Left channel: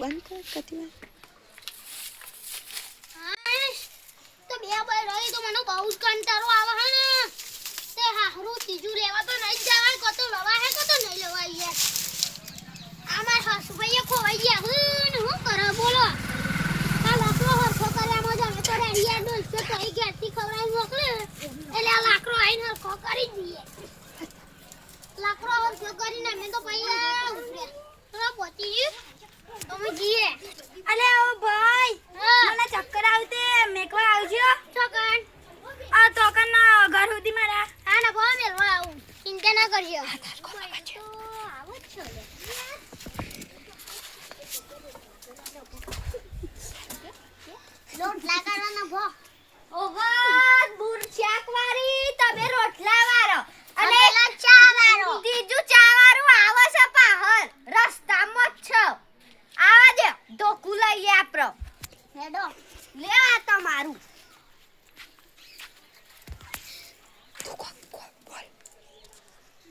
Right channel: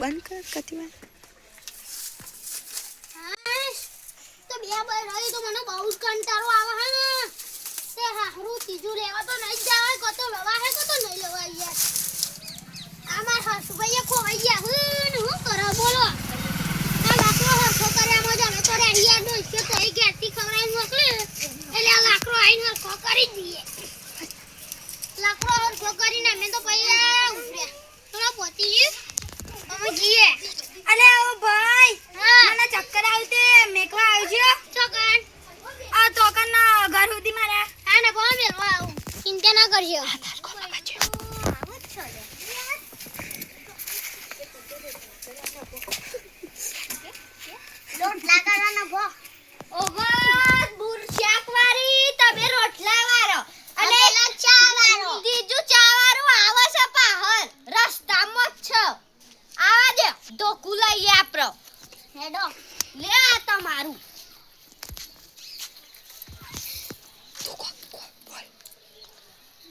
બંધ કર કતિમાં તો બે બાર રહી તો મને બહુ જ કંટાળો આવે હે ને તે હારું ત્રીજું લેવા તો નહીં જવાય કતો લવા હે કતો નહીં લેવા યાર અમાર હસુભાઈએ ખોવાઈ ગયા હું કરે બોલો આ લાકડો હરખો કર્યામાં જ અમે તો રેડિયા નો ઇસ્સે તો એ ગેસથી ખવડાવી મોકલે એટલે આ લાકડો આઈને હરખો કરી દઈએ લાકડો હરખો કરીને અમે તો પૈયા ઉતર્યા થોડા પોતી અમે જઈએ અલે ઓ ભાઈ મને ચક્કર આવતે મેકવા આવજો છોકન આ તોકન ઘર સુધી મારા હા ને બોલ મેલવા આવું ચિંતા ના કરજો રોટલા કરવાનો ભો ઓહો બુરશાક વાળી તમે રોટલા વાળો અને ચા વાળો બીજું ચા વાળું આવે છે પાહર રસ્તામાં જ છે આવા દે ઢોકું લઈએ આપરો હેડો લે આ તમારું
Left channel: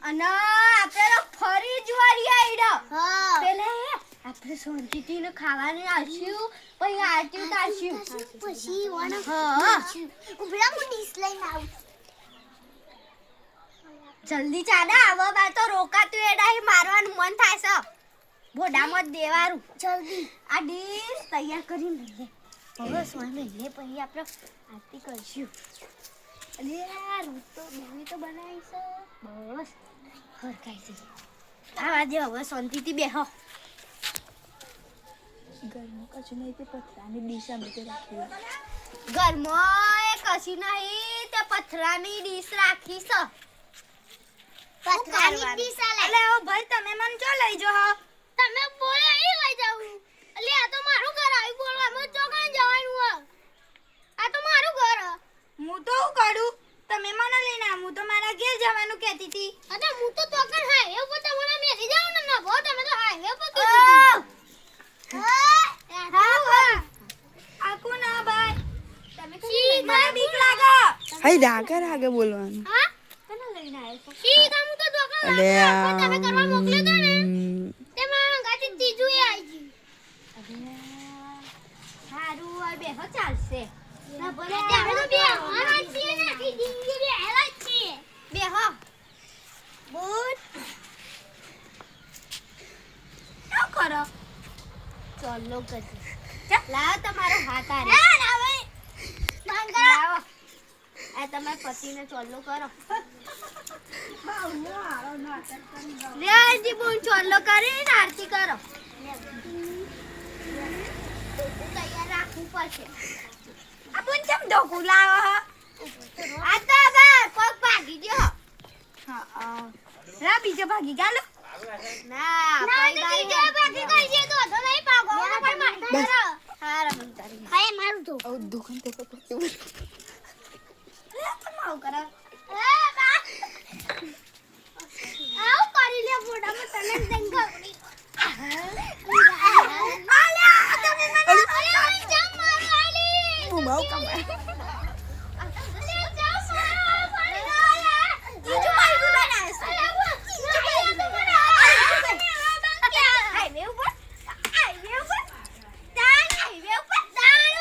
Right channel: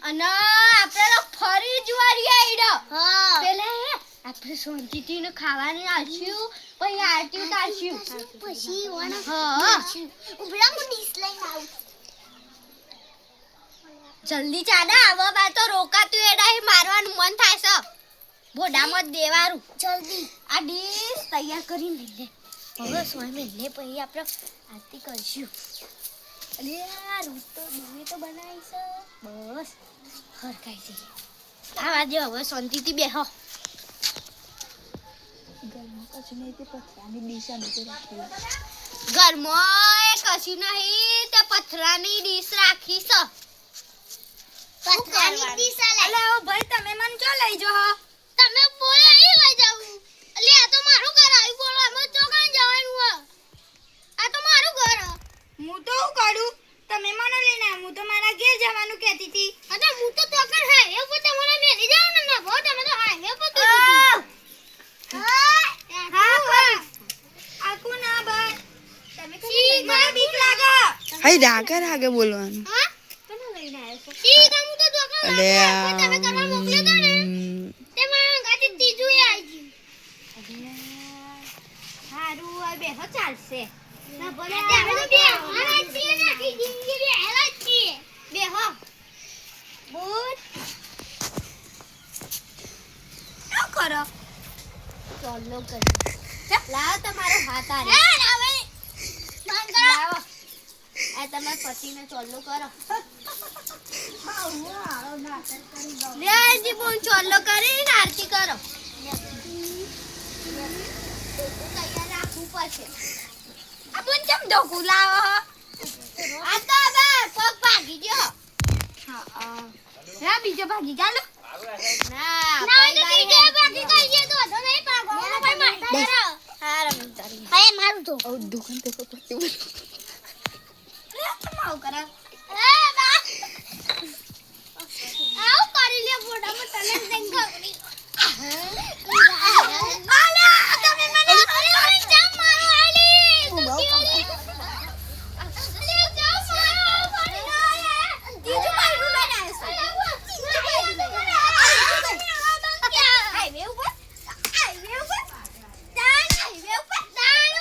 અને આપણે તો ફરી જ વળી આઈડો હા પેલા આપણે શાંતિથી ને ખાવાનું આલ્યું પછી આરતી ઉતારશું પછી વણ હા ઉભરા હું ડીશ લઈને આવું જલ્દી ચાડા આવો બા તો રોકાતું એડાઈ મારવાનું મન થાય છે બોડામાં જ દેવારું જલ્દી આ ડીશ તૈયાર કરીને લઈ લે હવે સ્વામી લે પછી આપણે આરતી કરશું અલે યાર તો મૂવી તો બનાવી છે બસ હરખાઈ છે આવા દે હવે શાંતિથી બેહો ઘરમાં કશું નહીં તે પથરાની ડીશ અમે તો રાખી ઘરમાં એ કશું નહીં તે પથરાની ડીશ રાખી છે પથરાની ડીશ અલે ઓ ભાઈ તમે મને ચો લઈ જો તમે બોલો એ લઈ જાવ અલે આ તો મારું ઘર આવી બોલો અમે તો કાં જવાનું હો આ તો મારું ઘર હું તો હું કરું તમે મને લઈને આવ હું તો મારા ઘેર જવાનું કહેતી હતી અરે હું તો તોકર હાઈવે પર તમને મેલી જાવ ને ના ભો તમે તો હાઈવે પર કીધું આકુ ના ભાઈ તમે કઈ મને બીક લાગે હાય રાગે બોલવાનું હા તને લઈને આવ્યો છો ઈ કામ તો તોકર અલે તમે કરવા મોકલ્યો તો ને તેમાં ગાડી ત્રીજું એ આવી ગયું હારું હવે બેહો ચાલશે ના ભલે આપણે તો બે હારા છીએ ને આખી જિંદગી બે હારા છીએ બેહો બુટ શું કરો ચાલો કરી લાવો તમારો હાથ આરે હવે બંધ કરો લાવો આ તમારા પતિને ચોલ્લો કરો લે આજી બોલ ચાલો કરીને આરતી કરો તૈયાર રાખવું પડશે આપણ કેમ ઢોકું લાવો આ તો હવે પગ ભાગી ગયો હા બીજો ભાગી ચાલો